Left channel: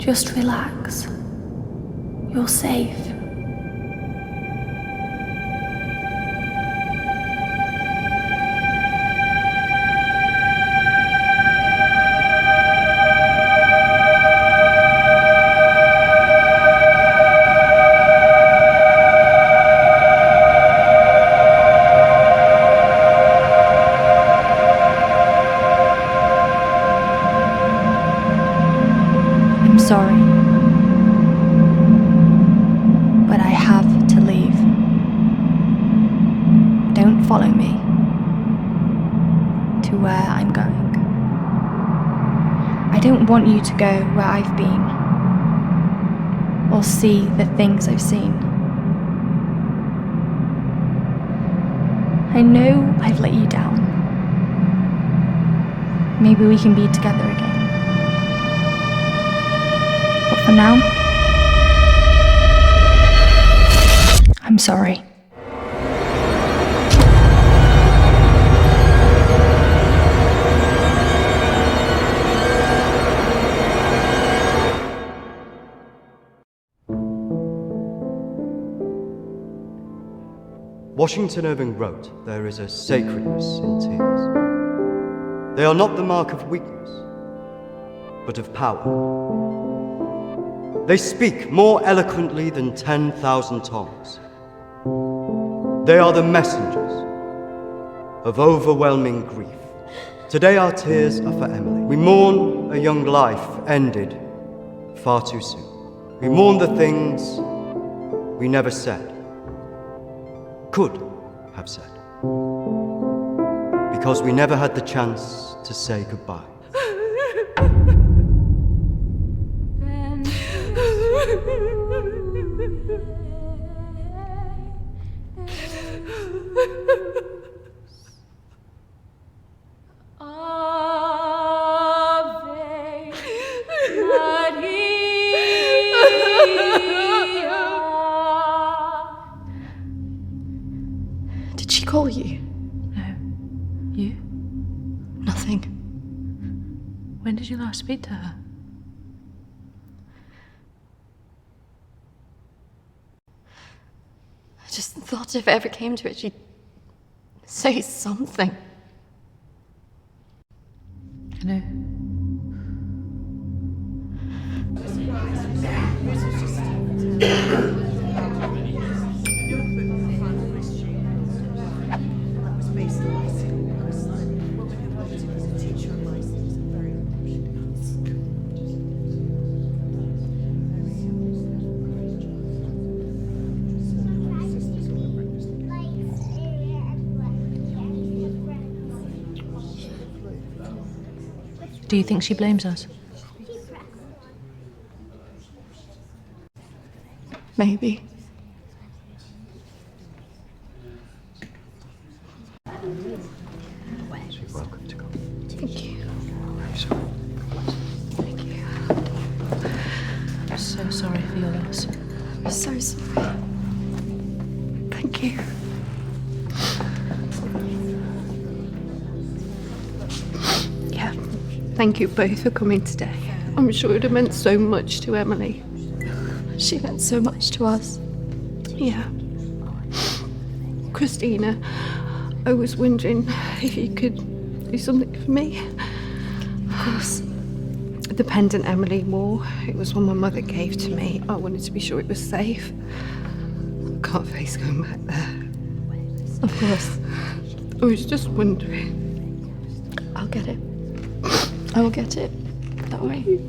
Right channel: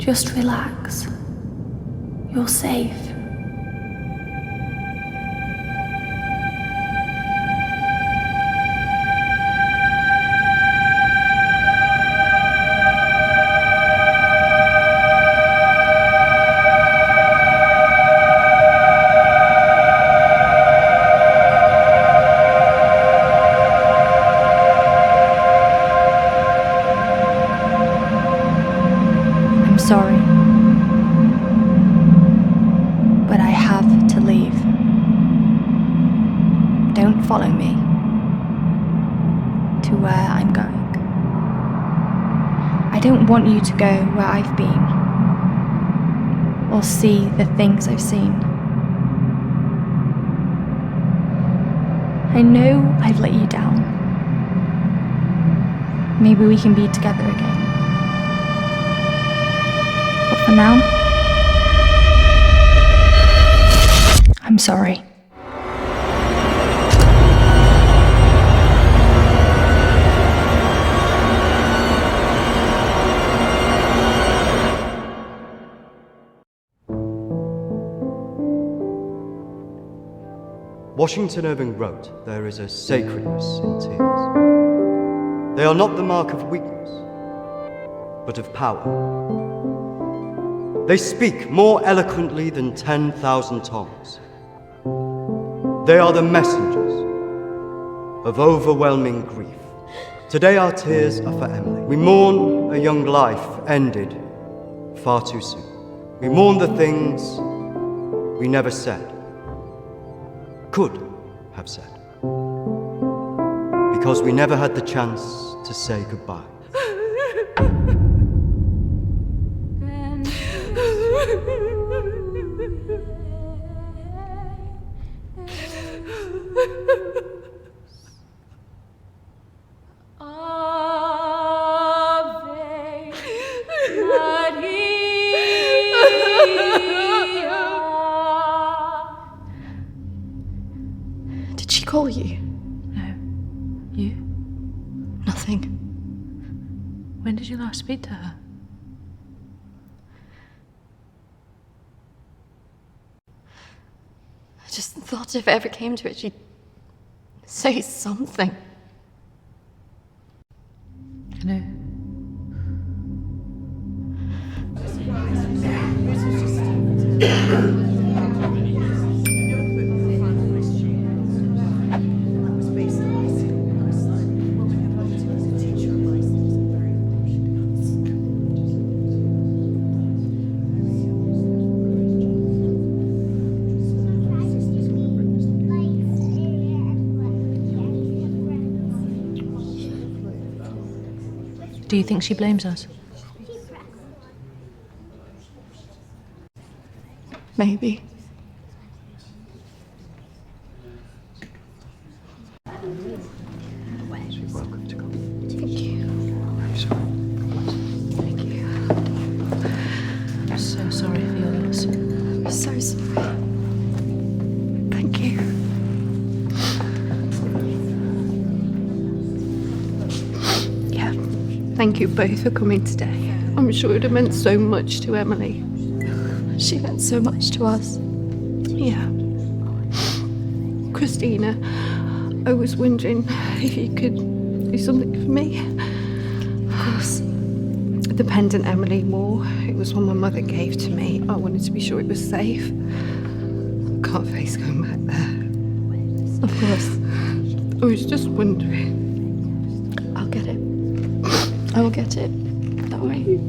Just relax. You're safe. I'm sorry, but I have to leave. Don't follow me to where I'm going. I don't want you to go where I've been or see the things I've seen. I know I've let you down. Maybe we can be together again. But for now, I'm sorry. Washington Irving wrote, "There is a sacredness in tears. They are not the mark of weakness, but of power. They speak more eloquently than 10,000 tongues. They are the messengers of overwhelming grief. Today our tears are for Emily. We mourn a young life ended far too soon. We mourn the things we never said, could have said, because we never had the chance to say goodbye. Did she call you? No. You? Nothing. When did you last speak to her? I just thought if it ever came to it, she'd say something. No. Do you think she blames us? Maybe. You're welcome to come. Thank you. I'm sorry. Thank you. I'm so sorry for your loss. I'm so sorry. Thank you. Yeah. Thank you both for coming today. I'm sure it would have meant so much to Emily. She meant so much to us. Yeah. Christina, I was wondering if you could do something for me. Of course. The pendant Emily wore, it was one my mother gave to me. I wanted to be sure it was safe. I can't face going back there. Of course. I was just wondering. I'll get it. I will get it. Don't worry.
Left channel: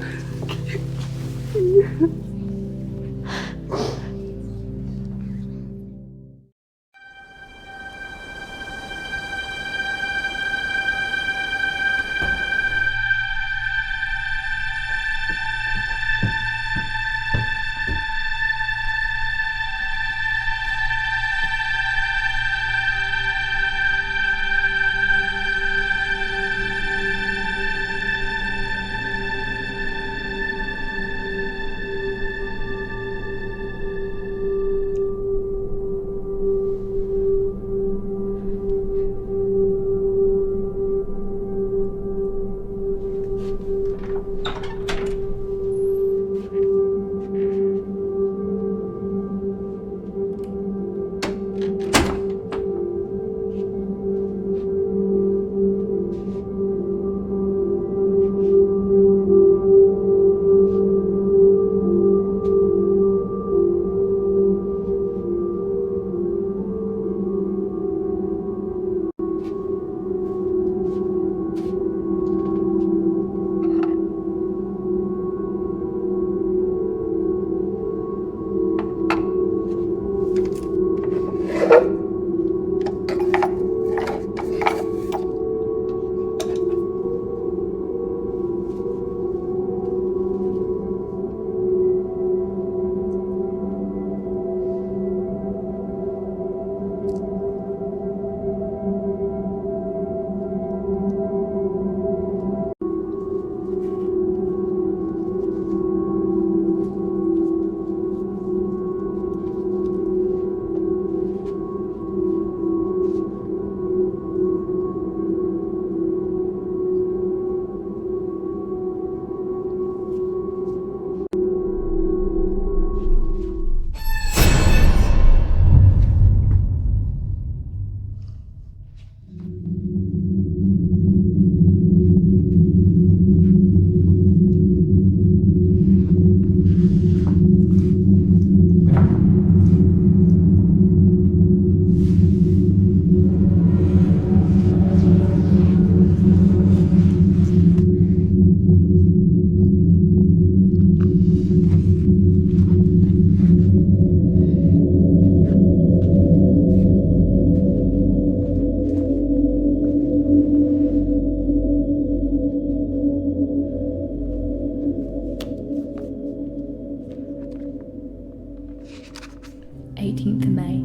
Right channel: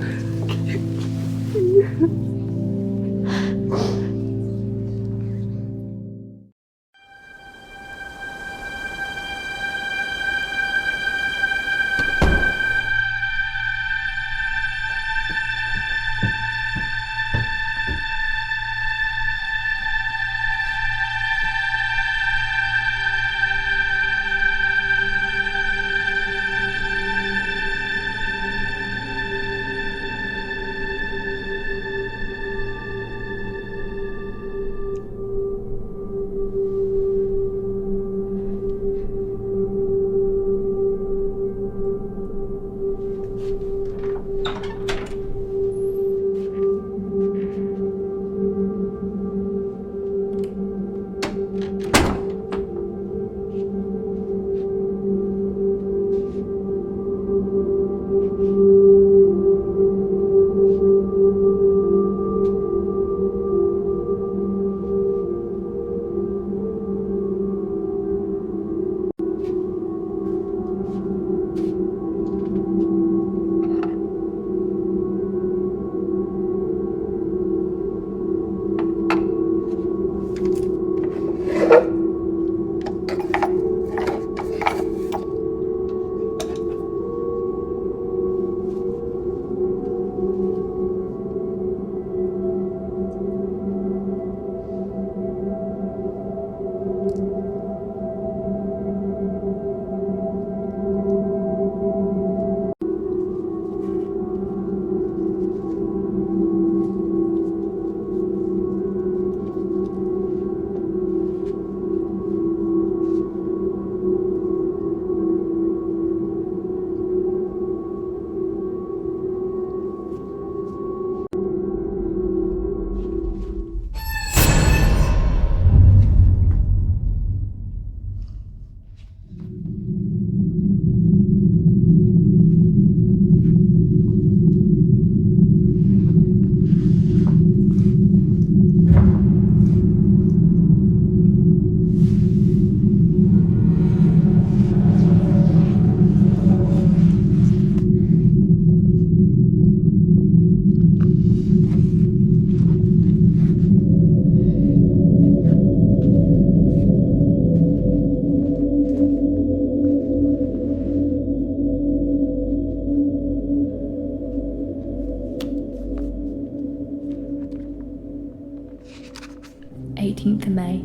18th of May.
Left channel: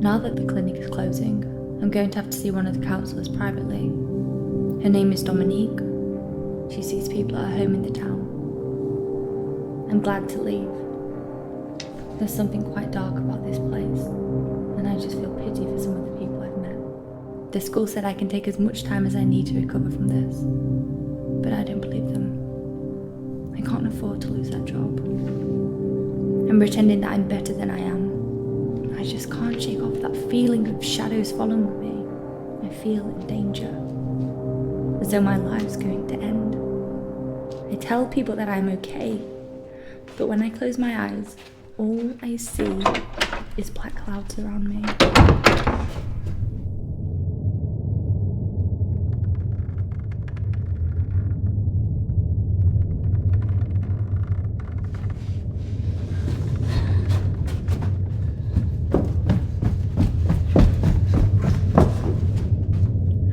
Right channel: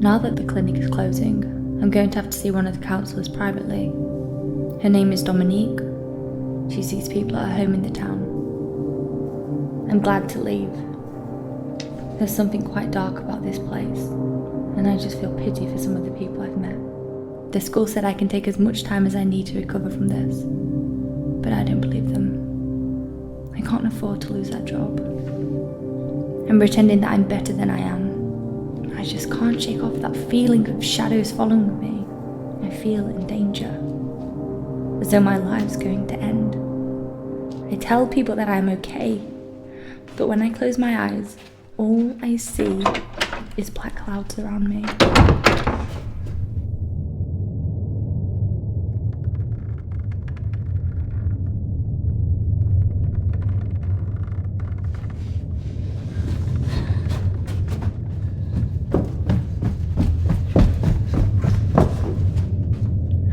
Now that the clinic is closing, I'm going to have to see one of the counsellors privately. Her name is Dominique. She sees people at her home in the town. I'm glad to leave. There's something quite dark about this place, and I just feel pity for some of the people I've met. The school said I can take as much time as I need to recover from this, but I don't believe them. I can't afford to lose that job. I'm pretending that I'm better than I am. I just can't shake off that feeling of shadows following me. I feel in danger, as though my life's going to end. I tell people that I'm okay, but when I close my eyes, all I see is black clouds around me.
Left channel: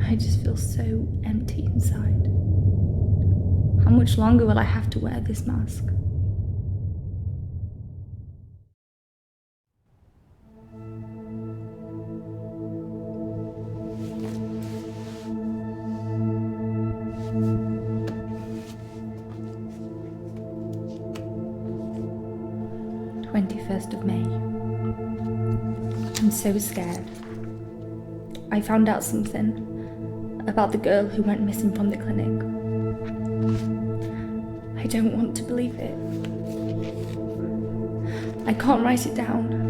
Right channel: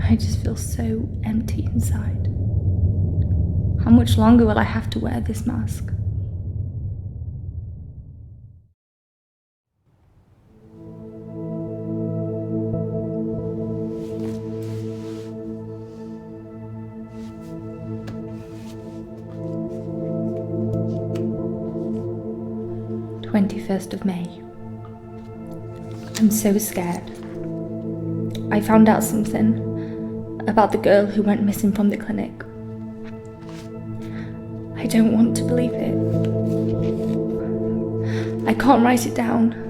I just feel so empty inside. How much longer will I have to wear this mask? "21st of May. I'm so scared. I found out something about the girl who went missing from the clinic. I don't want to believe it. I can't write it down.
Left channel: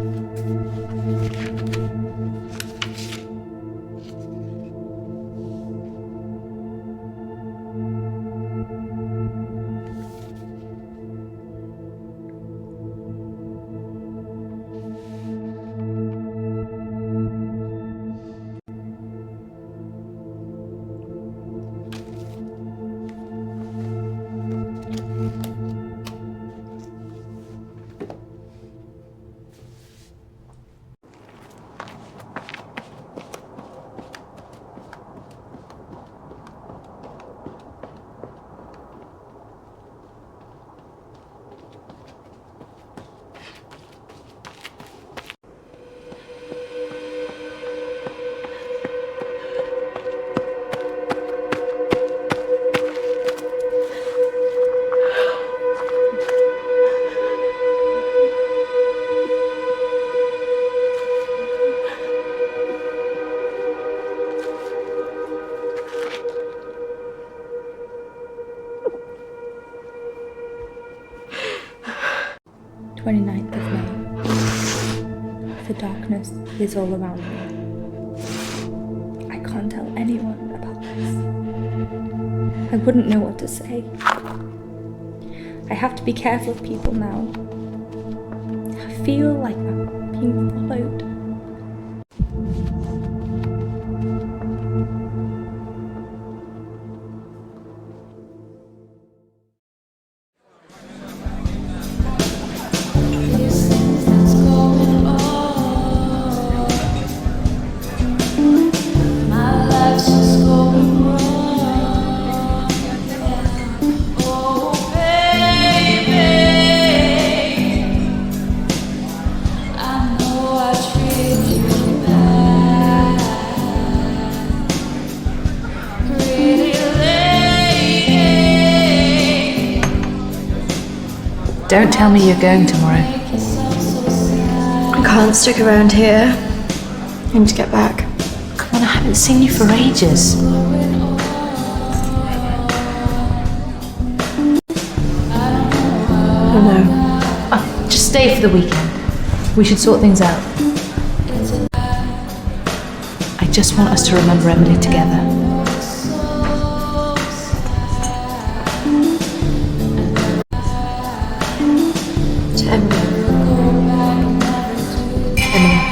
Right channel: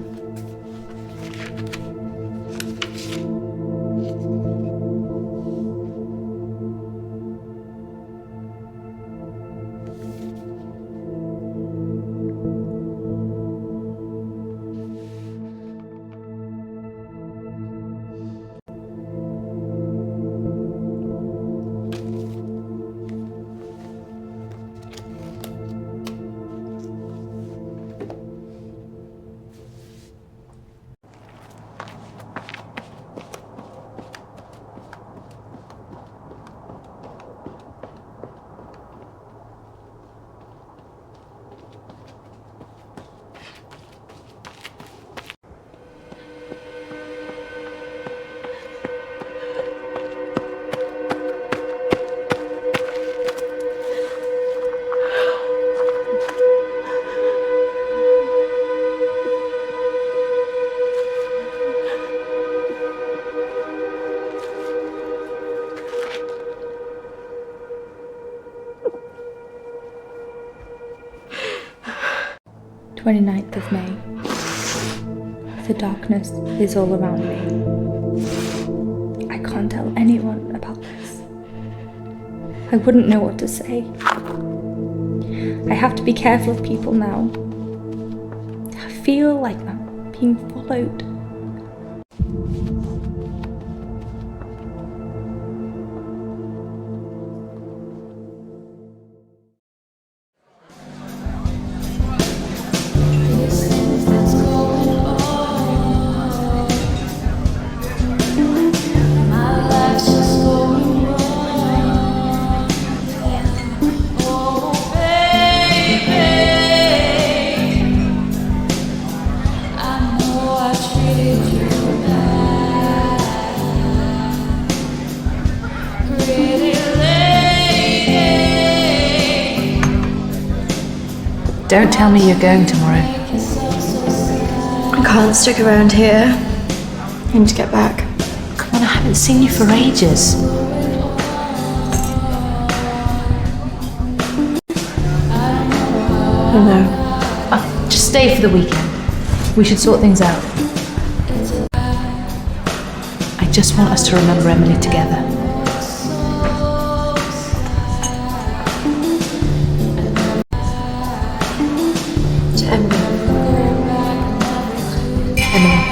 "29th of May. The darkness is all around me. I can't tell anyone about this. I wouldn't know what to say. I have to be careful of people now. I feel like I'm being followed. Don't tell me you're going tomorrow. I can't stick around here. I need to get back. Come on, I haven't seen you for ages. I don't know. Oh, just stay for the weekend. We should sort things out. I just want us to remember Emily together. To Emily. Emily.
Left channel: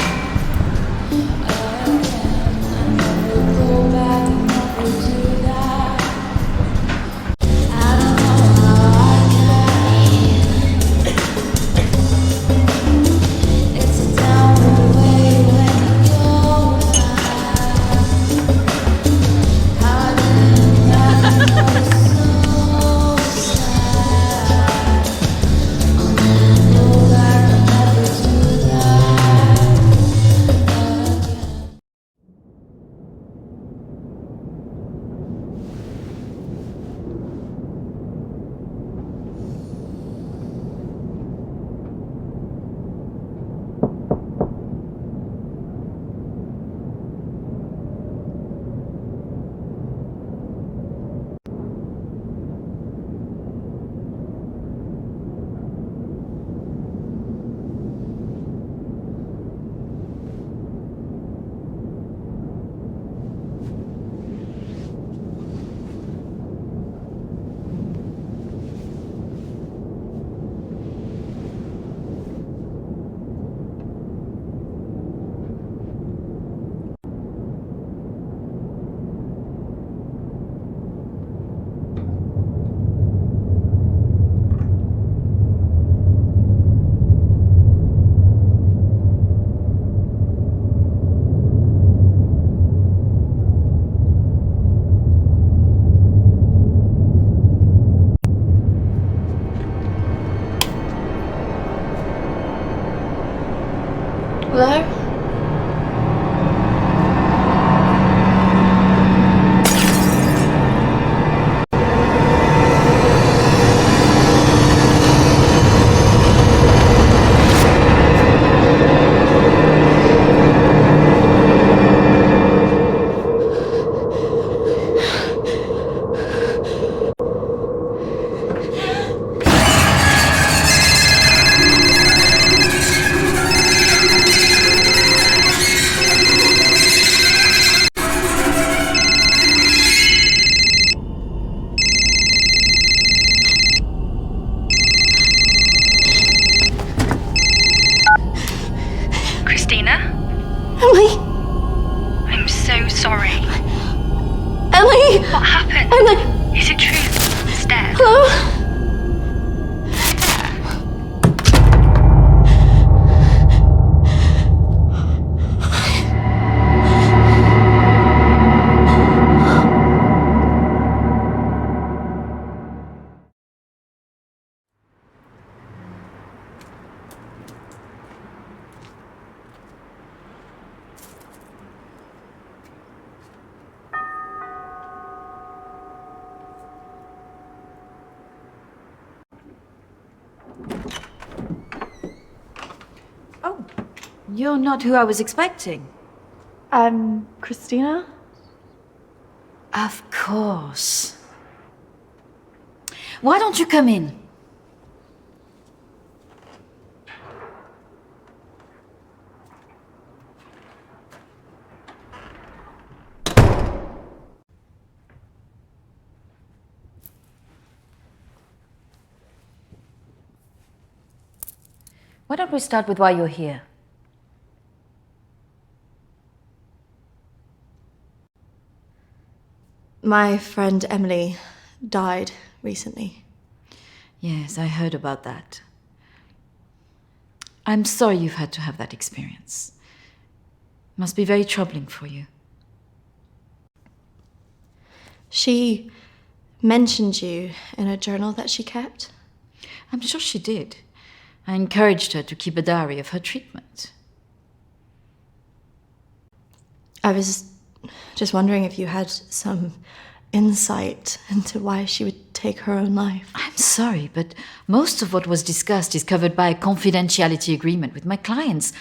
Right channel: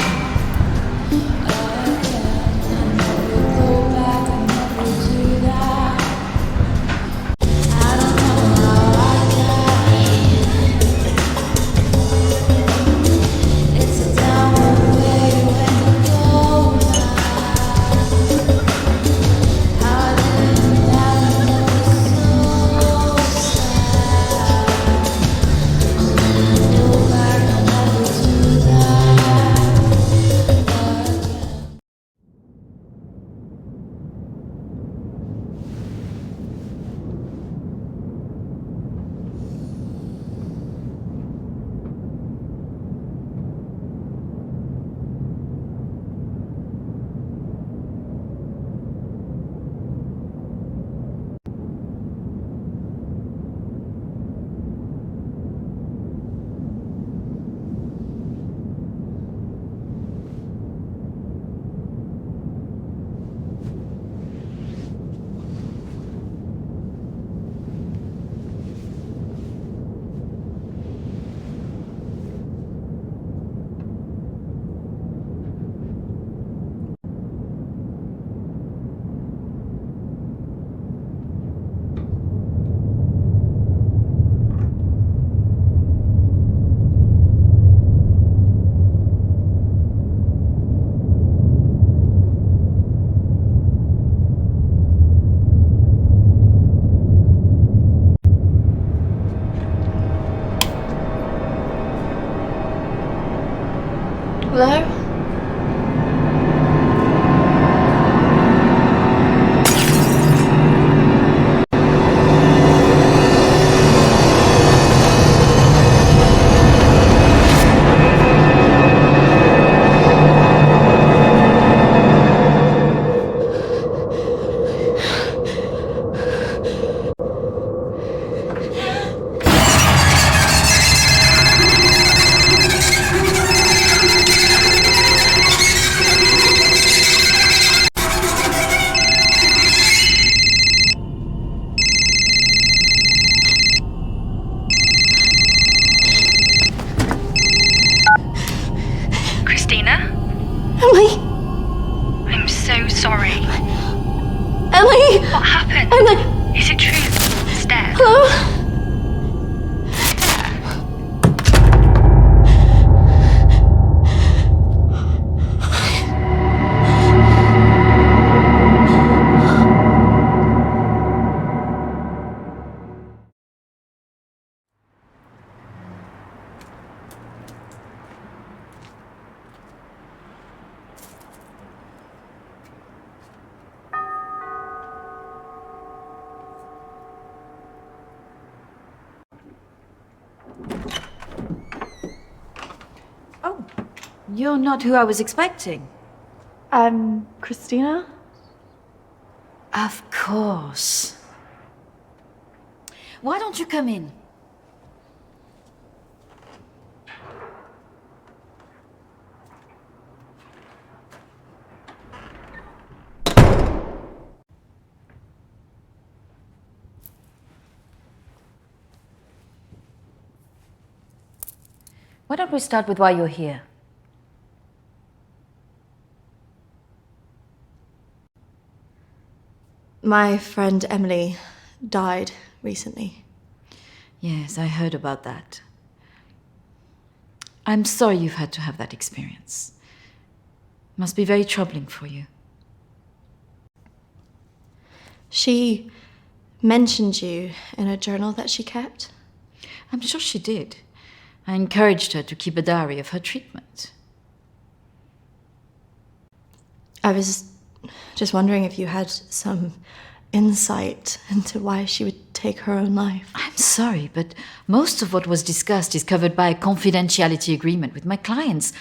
Hello? Christina? Emily! I'm so sorry. Emily! What happened? Emily! Is it true? It's dead. Hello? Oh, you're not who I was expecting. Christina? Of course. Why don't you come in? Why don't we start with why you're here? My friend Emily died recently. Yes, I heard about that. I'm sorry you've had to have that experience. Must be very troubling for you. She mentioned you in a journal that she kept. I'm sure she did. I encouraged her to keep a diary of her treatment. I was just wondering if you had some insight into why she would take her own life. I'm sorry, but most of what was discussed is covered by a confidentiality agreement with my clients.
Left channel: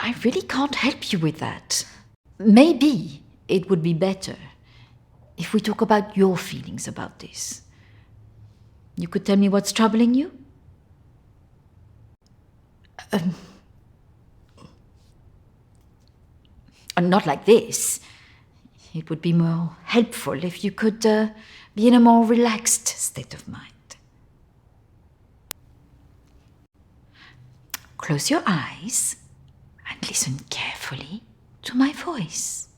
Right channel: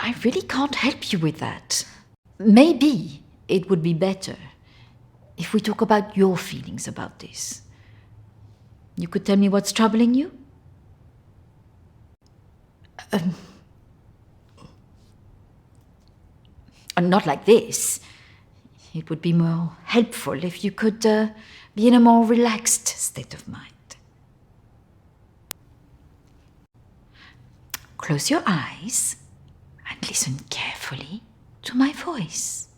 I really can't help you with that. Maybe it would be better if we talk about your feelings about this. You could tell me what's troubling you? Not like this. It would be more helpful if you could be in a more relaxed state of mind. Close your eyes and listen carefully to my voice.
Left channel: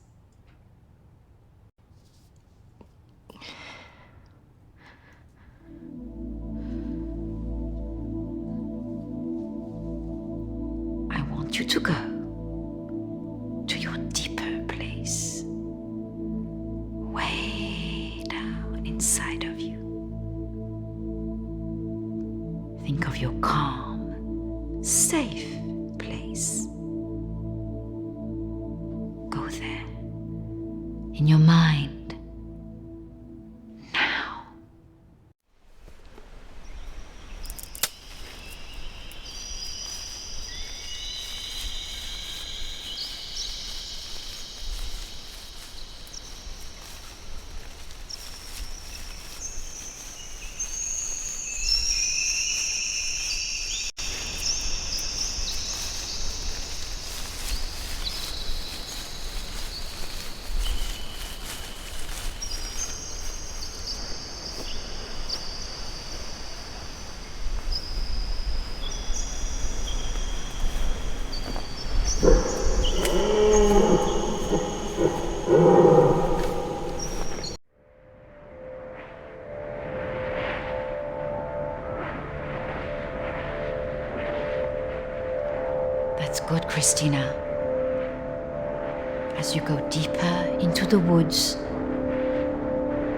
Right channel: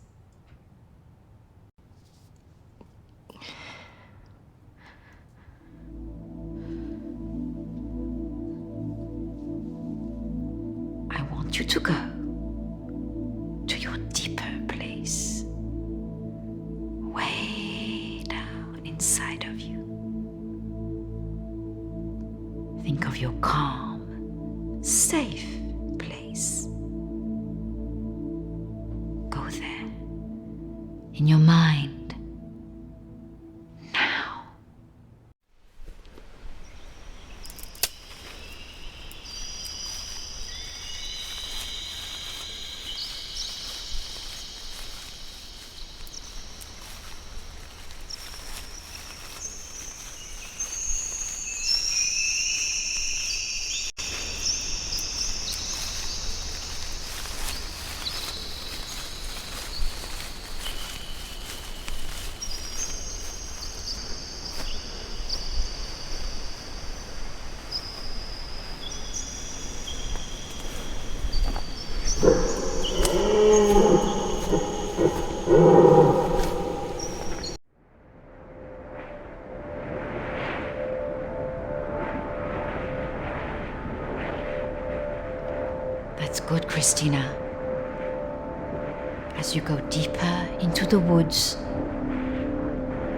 I want you to go to your deeper place, way down inside of you. Think of your calm, safe place. Go there, in your mind, now. That's good, Christina. As you go deeper into the woods,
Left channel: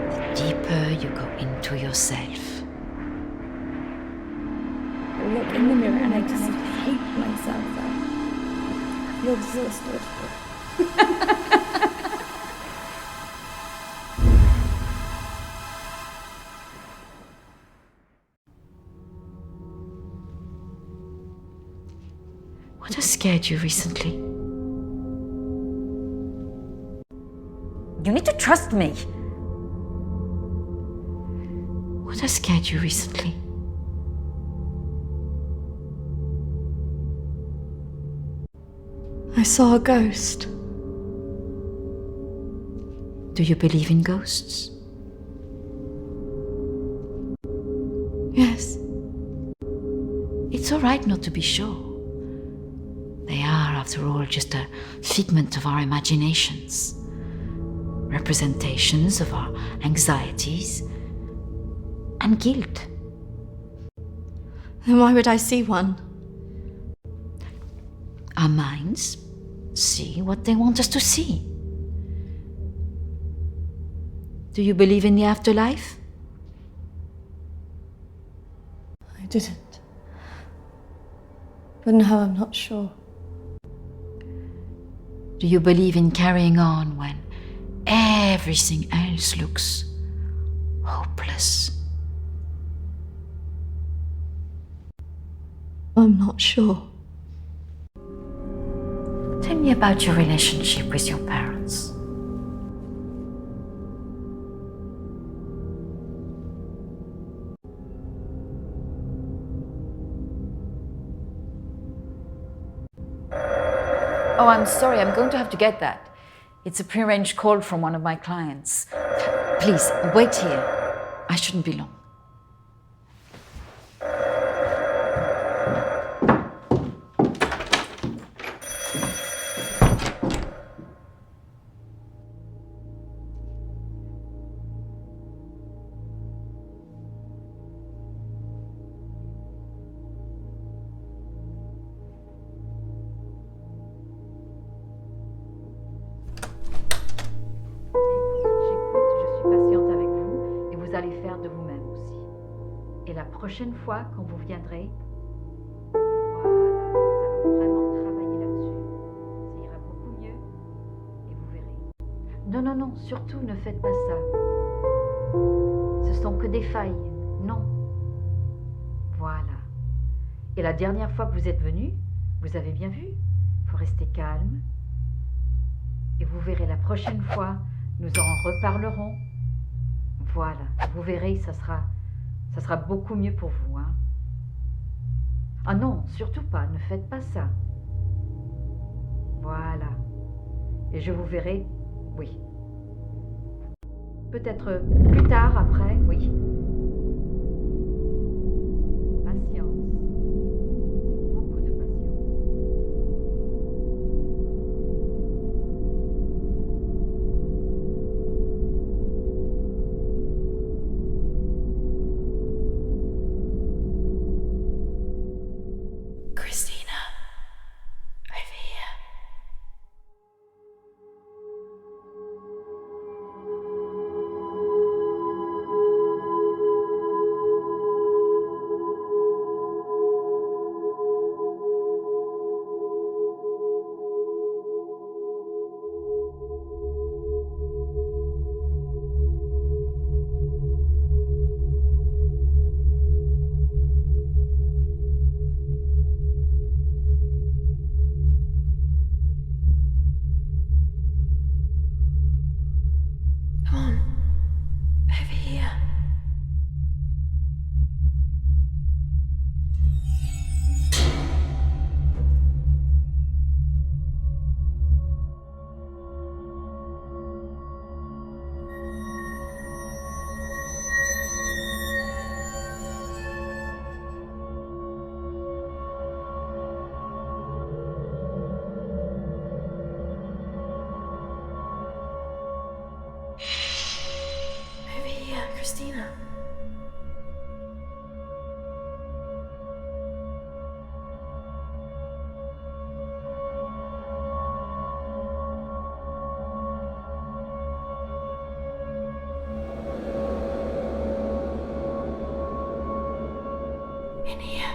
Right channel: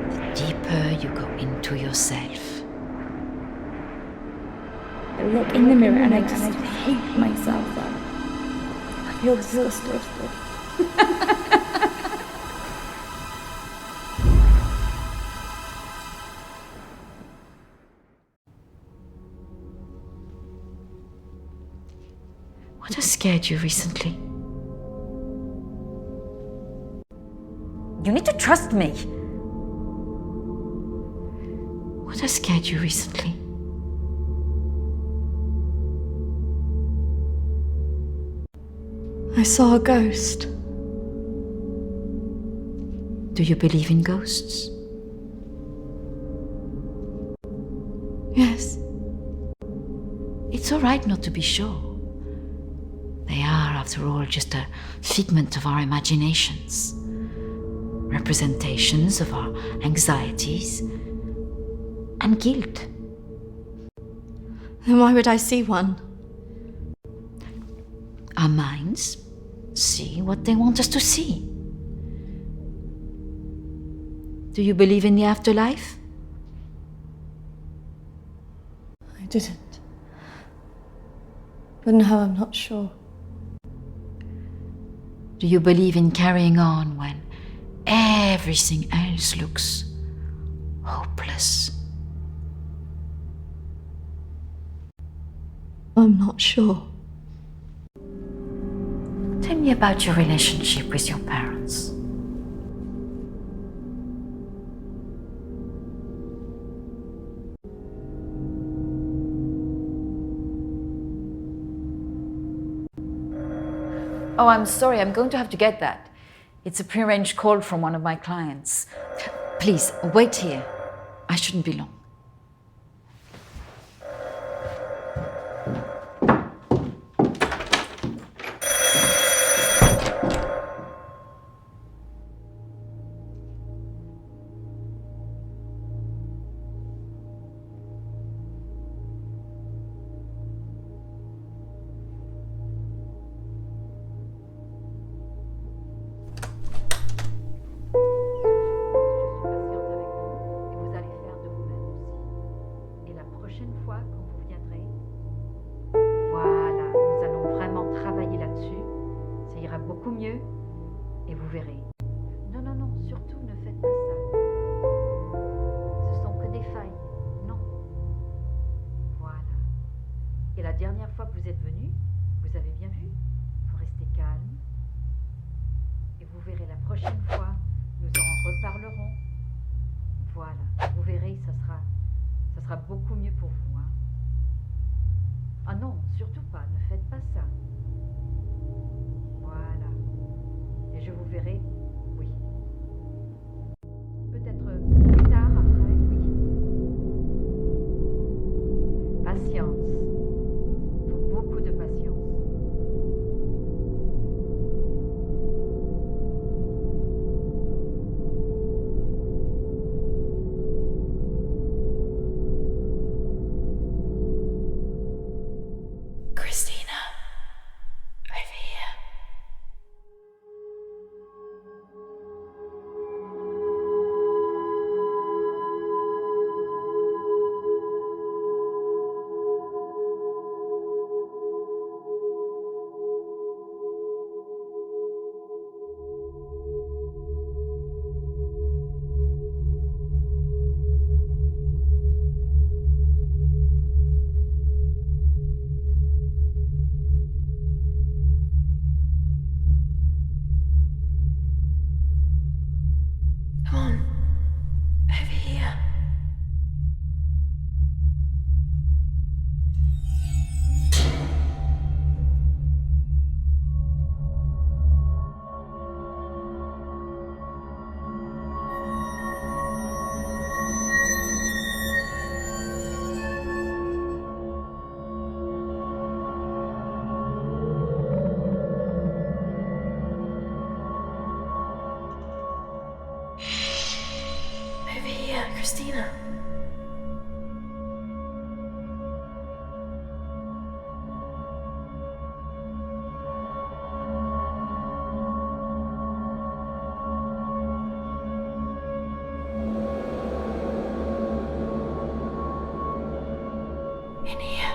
the deeper you go into yourself. I look in the mirror and I just hate myself. You're exhausted. What has scared you recently? You need to trust me. What has scared you recently? I saw a ghost. Do you believe in ghosts? Yes. It's all right not to be sure. They are, after all, just a figment of our imaginations. Representations of our anxieties and guilt. Then why would I see one? Our minds see what they want us to see. Do you believe in the afterlife? I didn't. But now I'm not sure. Do you believe in carrying on when everything else looks hopeless? I'm not sure. Tell me about your relationship with your parents. Oh, I'm sorry, I'm going to have to get that. It's a prearranged call from one of my clients. Please, wait here. I shouldn't be long. Et la prochaine fois, quand vous viendrez, voilà, nous allons vraiment travailler là-dessus. Ça ira beaucoup mieux et vous verrez. Non, non, non, surtout ne faites pas ça. Ce sont que des failles. Non. Voilà. Et la dernière fois que vous êtes venu, vous avez bien vu, il faut rester calme. Et vous verrez la prochaine fois, nous en reparlerons. Voilà, vous verrez, ça sera beaucoup mieux pour vous. Hein. Ah non, surtout pas, ne faites pas ça. Voilà. Et je vous verrai, oui. Peut-être plus tard, après, oui. Patience. Beaucoup de patience. Christina, over here. Come on, over here. Over here, Christina. In here.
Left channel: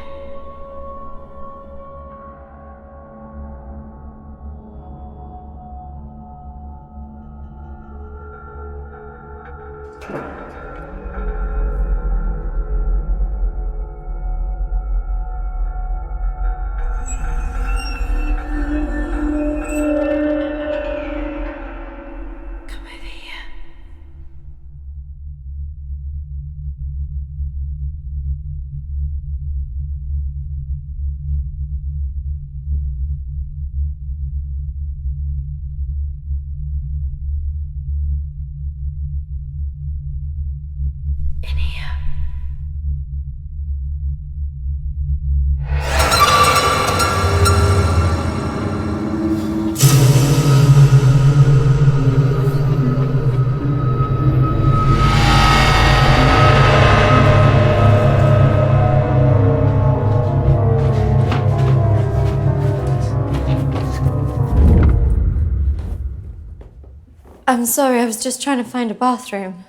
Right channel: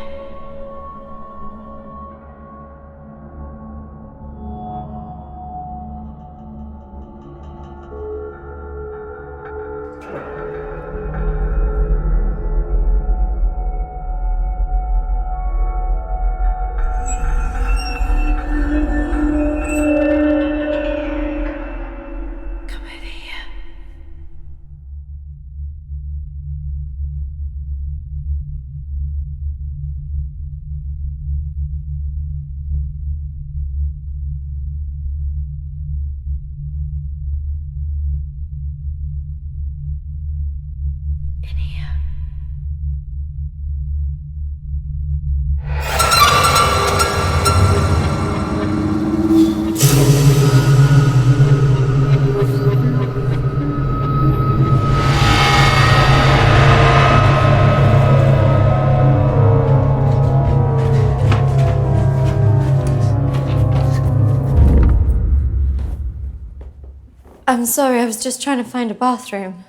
I'm sorry, I was just trying to find a bathroom.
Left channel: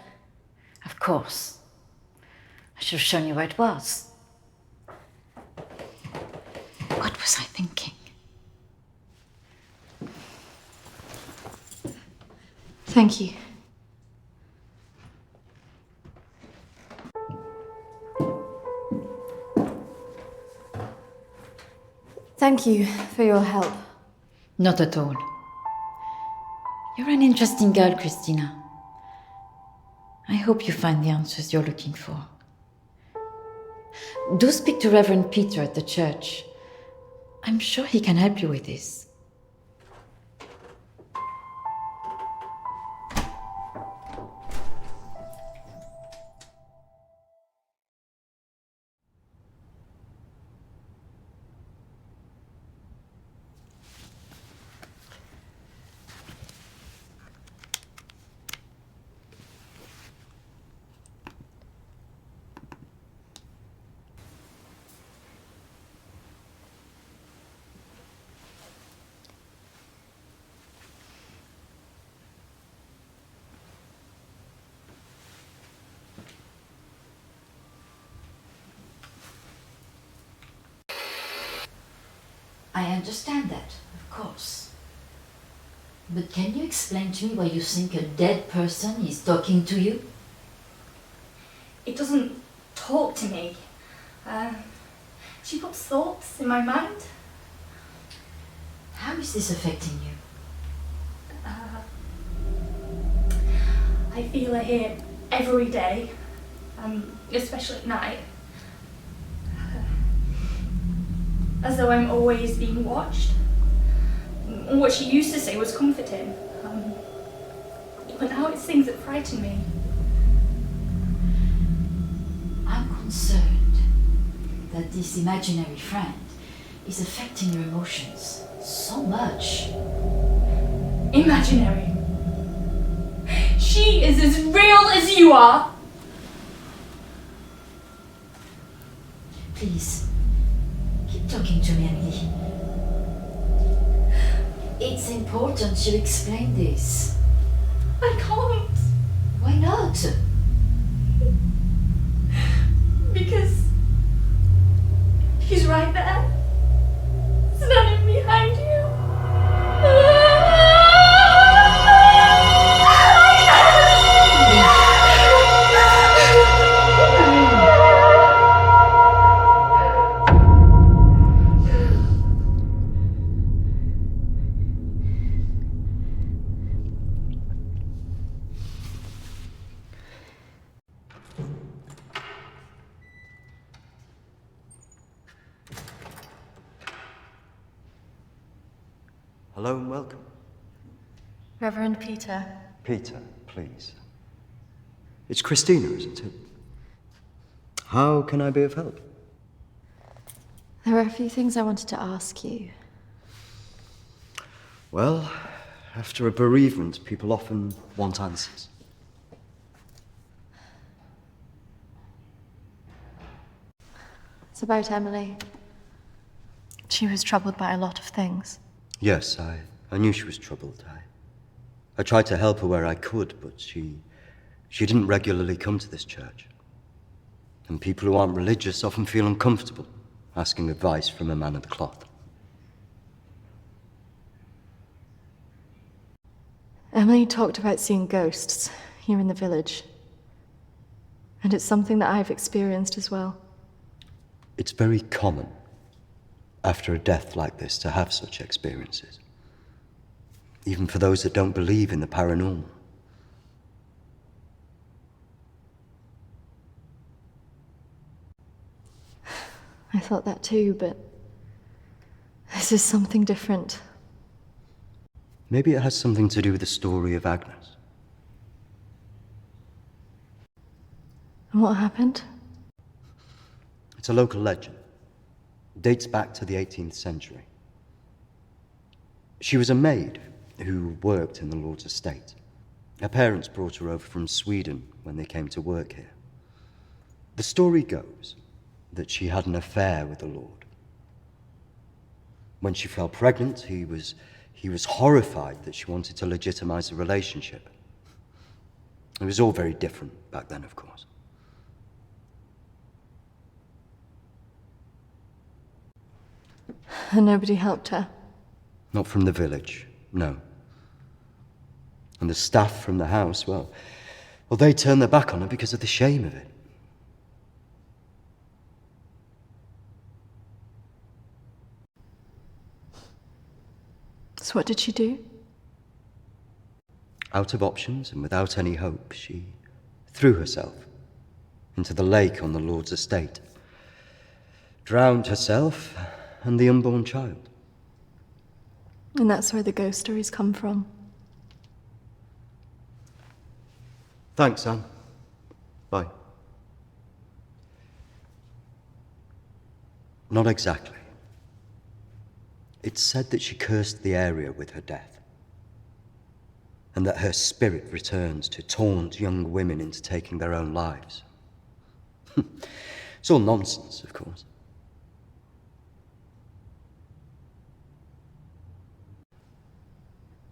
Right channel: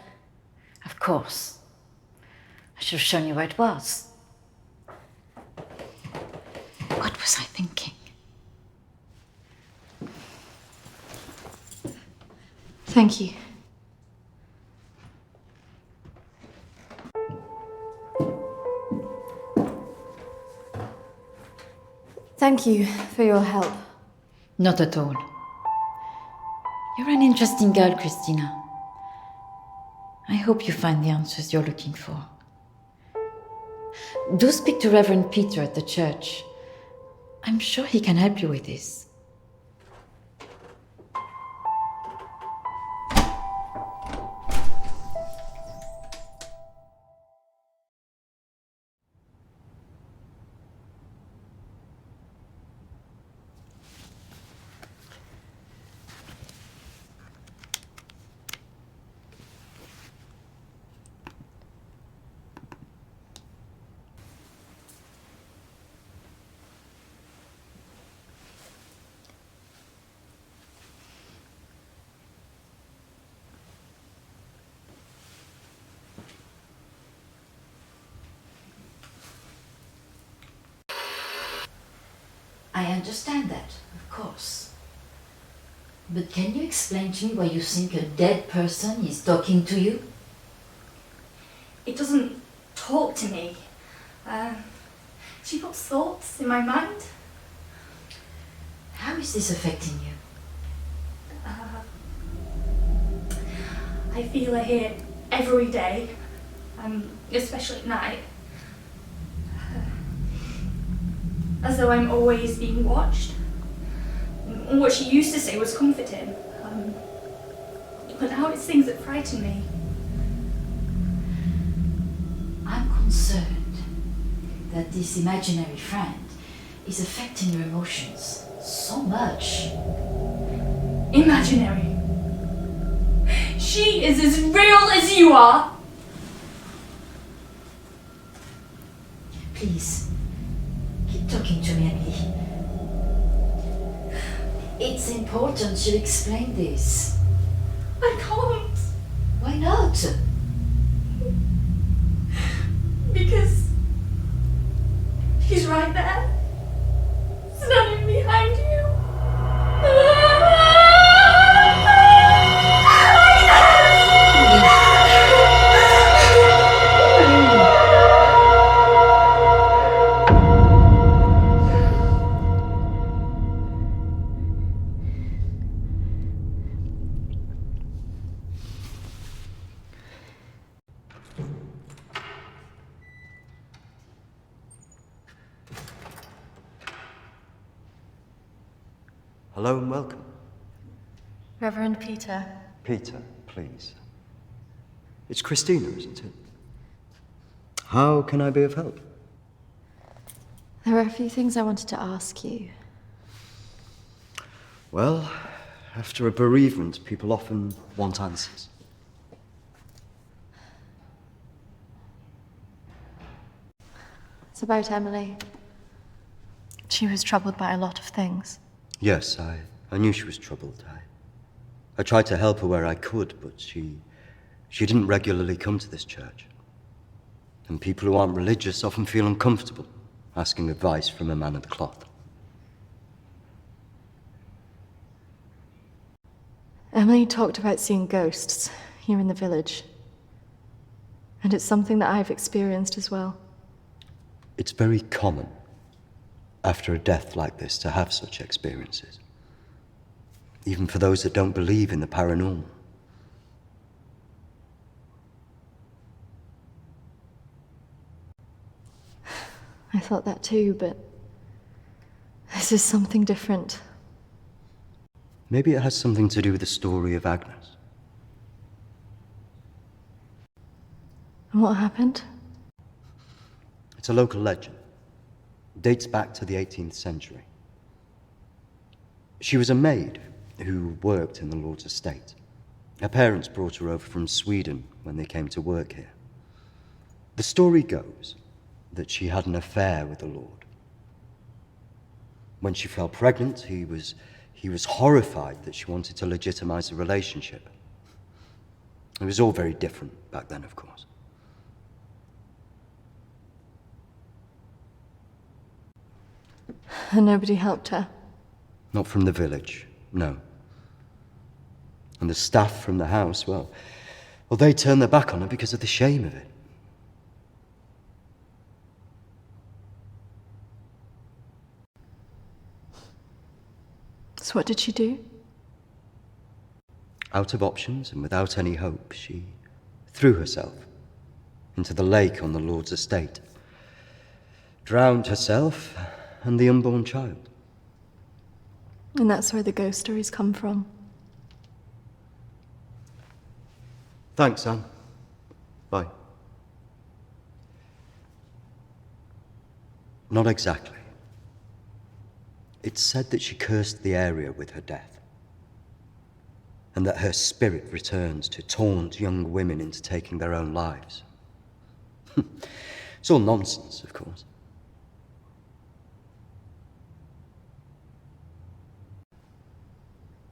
Of course. I should have shown you where it was. What was I thinking? Thank you. Thank you for your help. Not at all. You're an interesting girl, Christina. I hope you find the answers you're looking for. Do speak to Reverend Peter at the church. I'm sure he can help you with this. I understand that, of course. But can you explain to me why you think a dead person is talking to you? It doesn't talk to me. She puts thoughts in my mind. How is this affecting you? I feel her here every day, especially at night. As though I'm always being watched. What she used to say was comforting, but now it's things that frighten me. I'm concerned that this imaginary friend is affecting your emotions so much. Imaginary. She is as real as you are. Please, keep talking to me, Emily. It's important you explain this. I can't. Why not? Because she's right there, standing behind you. Hello and welcome. Reverend Peter. Peter, please. It's Christina, isn't it? How can I be of help? There are a few things I wanted to ask you. Well, after a bereavement, people often want answers. It's about Emily. She was troubled by a lot of things. Yes, I knew she was troubled. I tried to help her where I could, but she didn't regularly come to this church. And people who aren't religious often feel uncomfortable asking advice from a man of the cloth. Emily talked about seeing ghosts here in the village. And it's something that I've experienced as well. It's very common after a death like this to have such experiences, even for those that don't believe in the paranormal. I thought that too, but this is something different. Maybe it has something to do with the story of Agnes. And what happened? It's a local legend. It dates back to the 18th century. She was a maid who worked in the Lord's estate. Her parents brought her over from Sweden when they came to work here. The story goes that she had an affair with the Lord. When she fell pregnant, he was He was horrified that she wanted to legitimize the relationship. It was all very different back then, of course. And nobody helped her. Not from the village, no. And the staff from the house, well, they turned their back on her because of the shame of it. So what did she do? Out of options and without any hope, she threw herself into the lake on the Lord's estate, drowned herself and the unborn child. And that's where the ghost stories come from. Thanks, Anne. Bye. Not exactly. It's said that she cursed the area with her death, and that her spirit returns to taunt young women into taking their own lives. It's all nonsense, of course.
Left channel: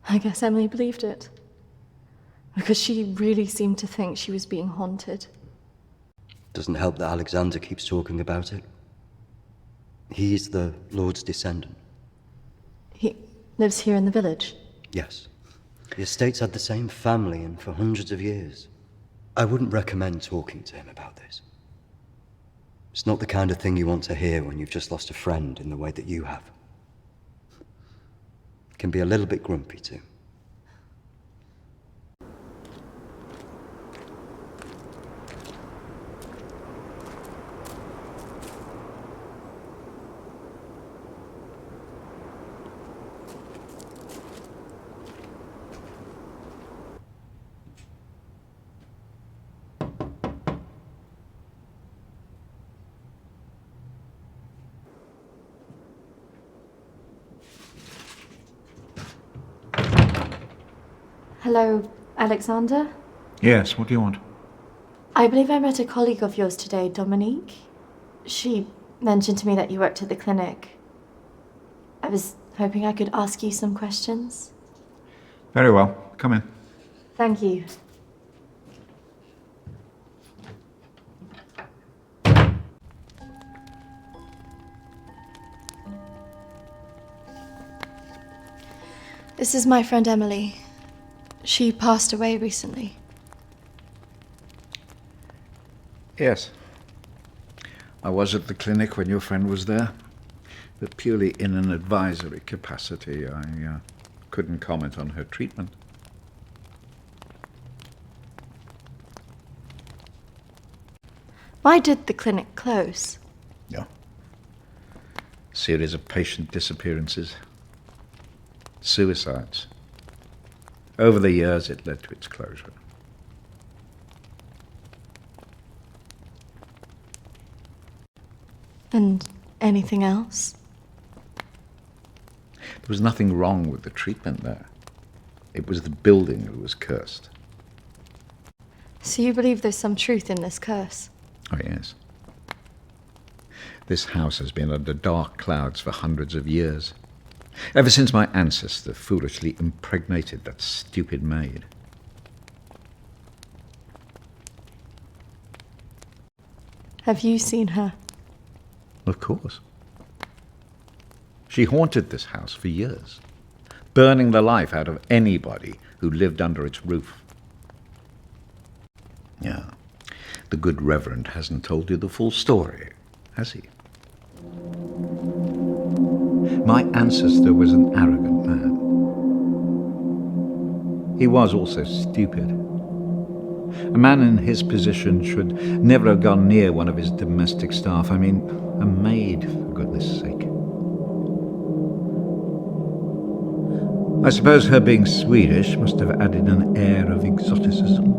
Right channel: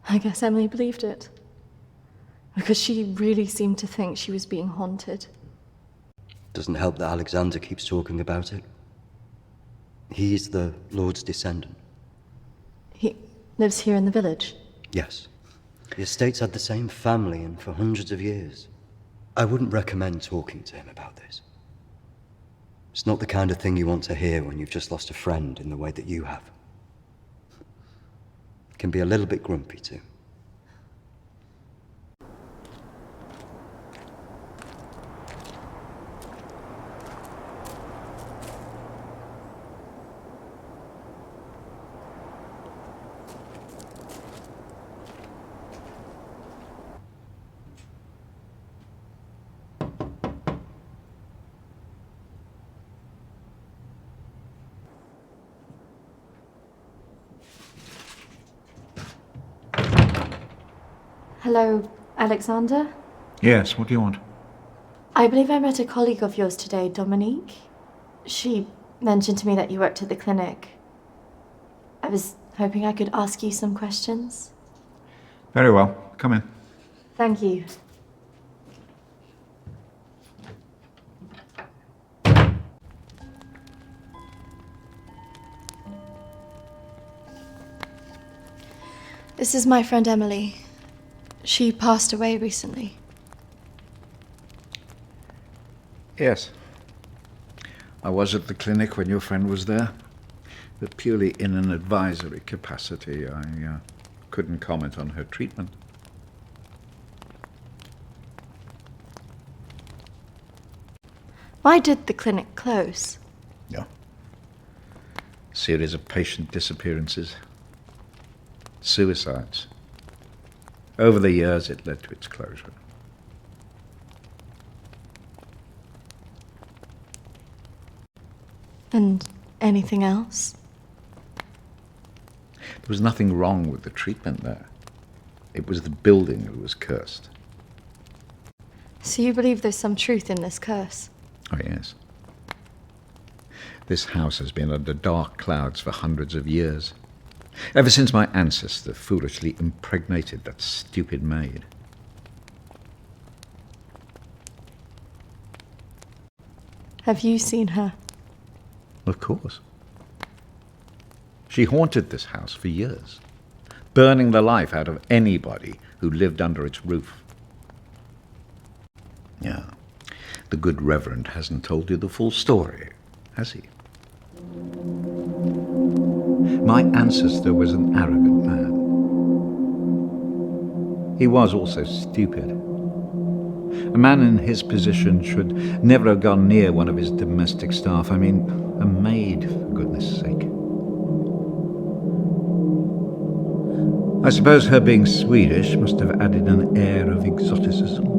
I guess Emily believed it. Because she really seemed to think she was being haunted. Doesn't help that Alexander keeps talking about it. He's the Lord's descendant. He lives here in the village? Yes. The estate's had the same family and for hundreds of years. I wouldn't recommend talking to him about this. It's not the kind of thing you want to hear when you've just lost a friend in the way that you have. It can be a little bit grumpy too. Hello, Alexander? Yes, what do you want? I believe I met a colleague of yours today, Dominique. She mentioned to me that you worked at the clinic. I was hoping I could ask you some questions. Very well, come in. Thank you. This is my friend Emily. She passed away recently. Yes. I was at the clinic when your friend was there, but purely in an advisory capacity. I couldn't comment on her treatment. Why did the clinic close? No. Series of patient disappearances. Suicides. Over the years, it led to its closure. And anything else? There was nothing wrong with the treatment there. It was the building that was cursed. So you believe there's some truth in this curse? Oh, yes. This house has been under dark clouds for hundreds of years. Ever since my ancestor foolishly impregnated that stupid maid. Have you seen her? Of course. She haunted this house for years, burning the life out of anybody who lived under its roof. Yeah, the good Reverend hasn't told you the full story, has he? My ancestor was an arrogant man. He was also stupid. A man in his position should never have gone near one of his domestic staff. I mean, a maid, for goodness sake. I suppose her being Swedish must have added an air of exoticism.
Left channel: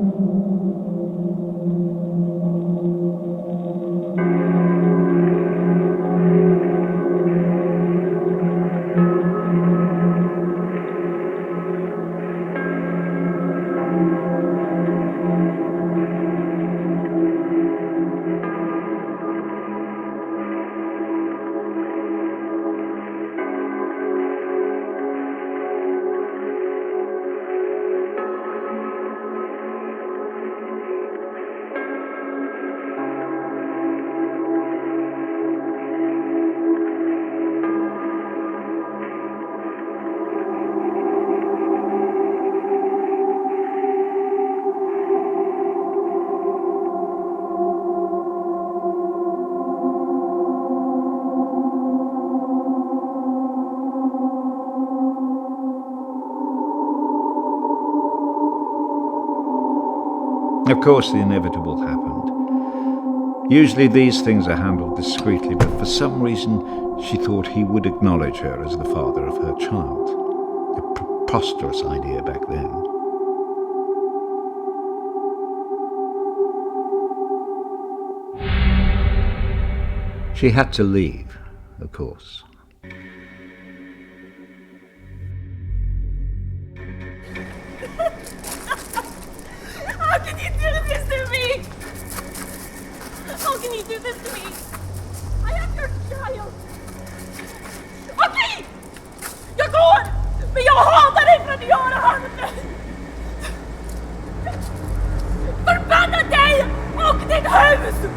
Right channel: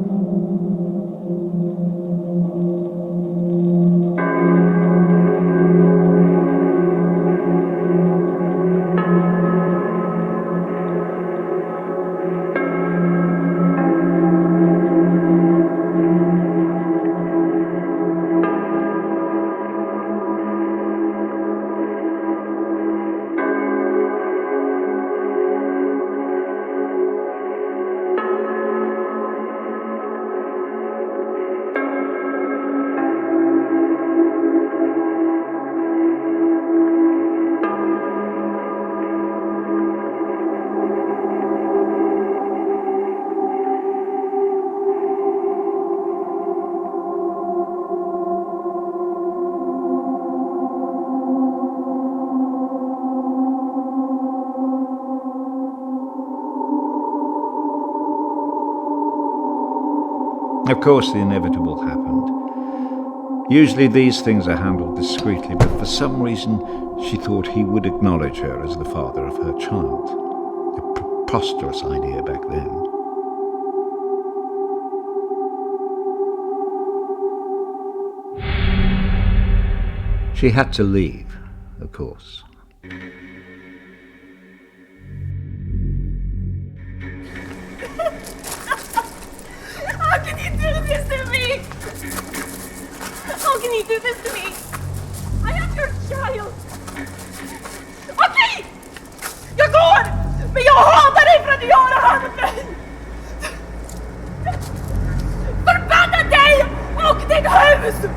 Of course, the inevitable happened. Usually these things are handled discreetly, but for some reason she thought he would acknowledge her as the father of her child. A preposterous idea back then. She had to leave, of course. How can you do this to me? How can you do this to me? I am your child. Okej! Jag går! Men jag hatar dig för att du gör det här med mig! Förbanna dig och ditt hus!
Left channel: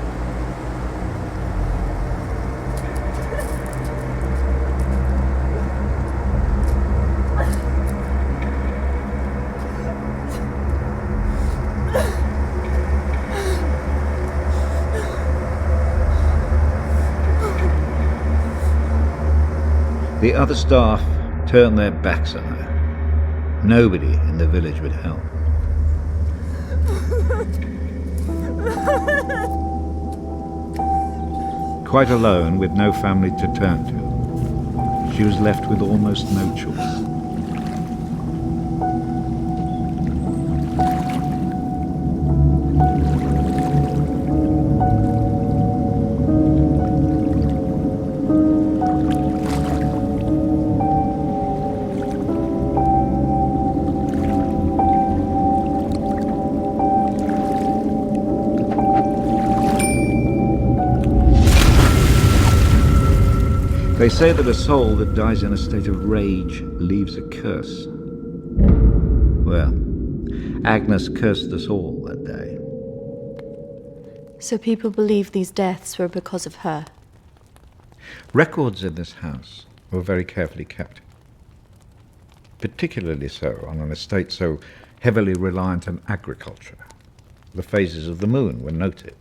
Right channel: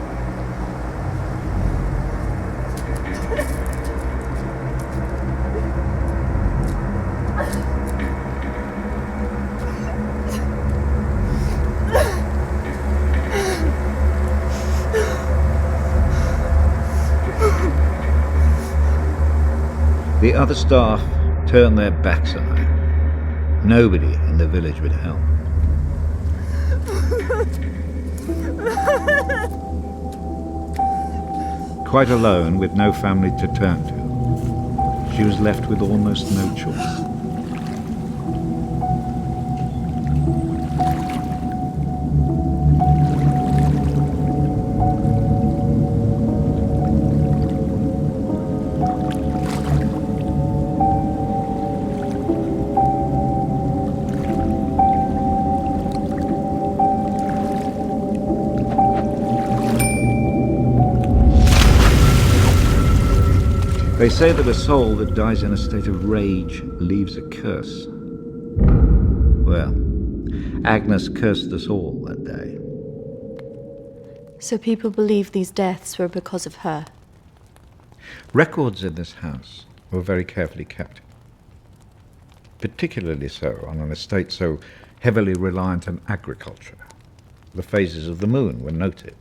The other staff turned their backs on her. Nobody in the village would help. Quite alone, with no family to turn to, she was left with almost no choice. They say that a soul that dies in a state of rage leaves a curse. Well, Agnes cursed us all that day. So people believe these deaths were because of her. Records in this house were very carefully kept. Particularly so on an estate so heavily reliant on agriculture. The phases of the moon were noted.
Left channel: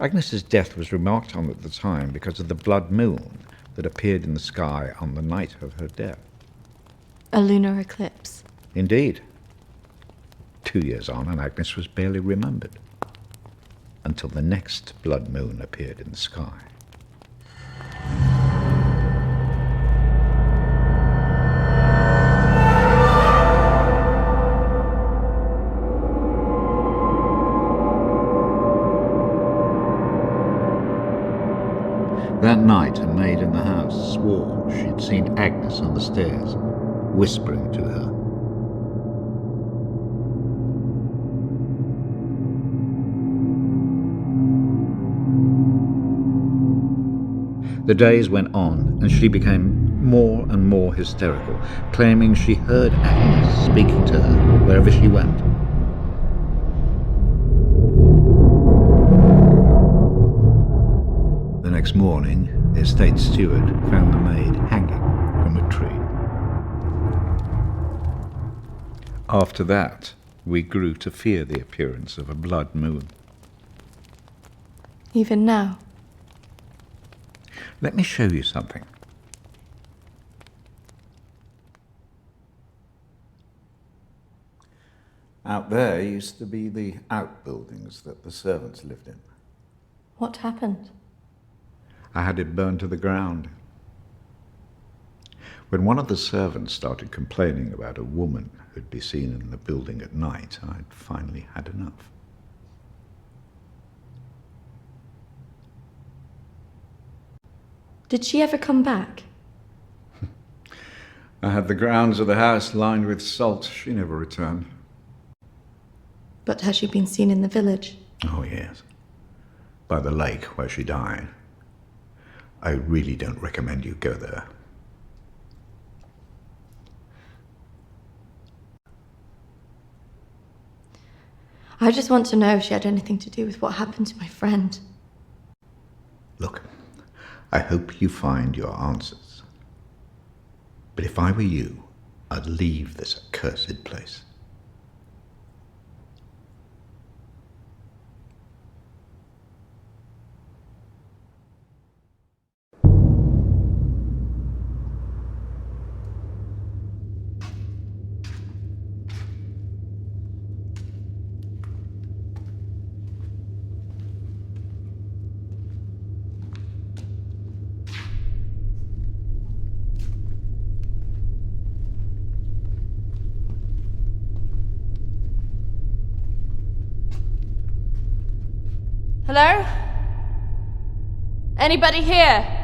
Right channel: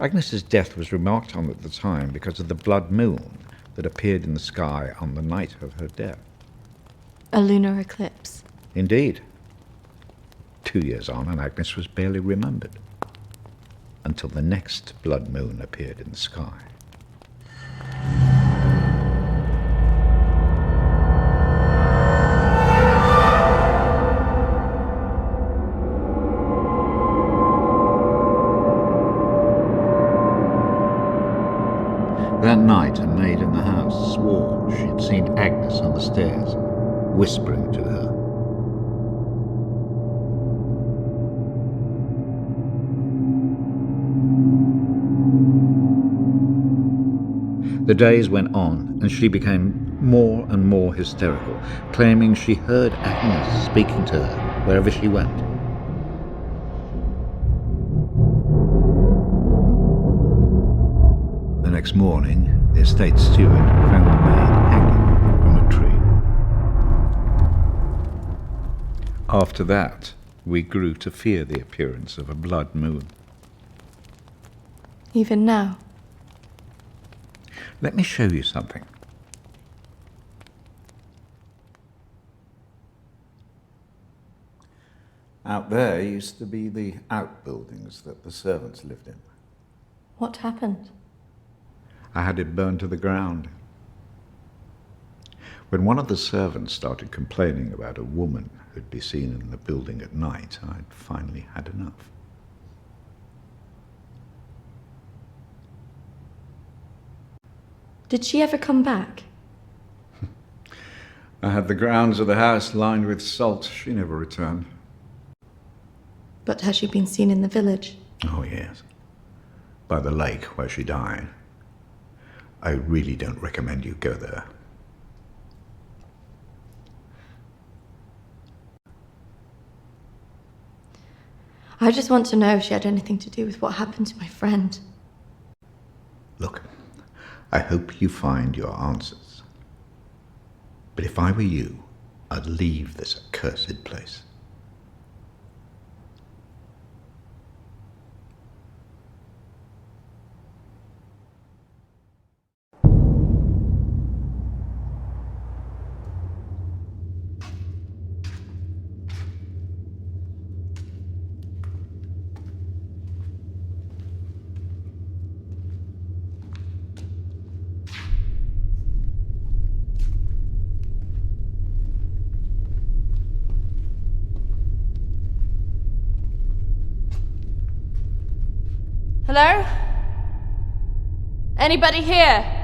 Agnes's death was remarked on at the time because of the blood moon that appeared in the sky on the night of her death. A lunar eclipse. Indeed. 2 years on, and Agnes was barely remembered, until the next blood moon appeared in the sky. That night, a maid in the house swore she'd seen Agnes on the stairs, whispering to her. The days went on, and she became more and more hysterical, claiming she heard Agnes speaking to her wherever she went. The next morning, the estate steward found the maid hanging from a tree. After that, we grew to fear the appearance of a blood moon. Even now. Let me show you something. Out there used to be the outbuildings that the servants lived in. What happened? I had it burned to the ground. When one of the servants started complaining about a woman who'd be seen in the building at night, I'd finally had enough. Did she ever come back? I had the grounds of the house lined with salt. She never returned. But has she been seen in the village? Oh, yes. By the lake where she died. I really don't recommend you go there. I just want to know if she had anything to do with what happened to my friend. Look, I hope you find your answers. But if I were you, I'd leave this accursed place. Hello? Anybody here?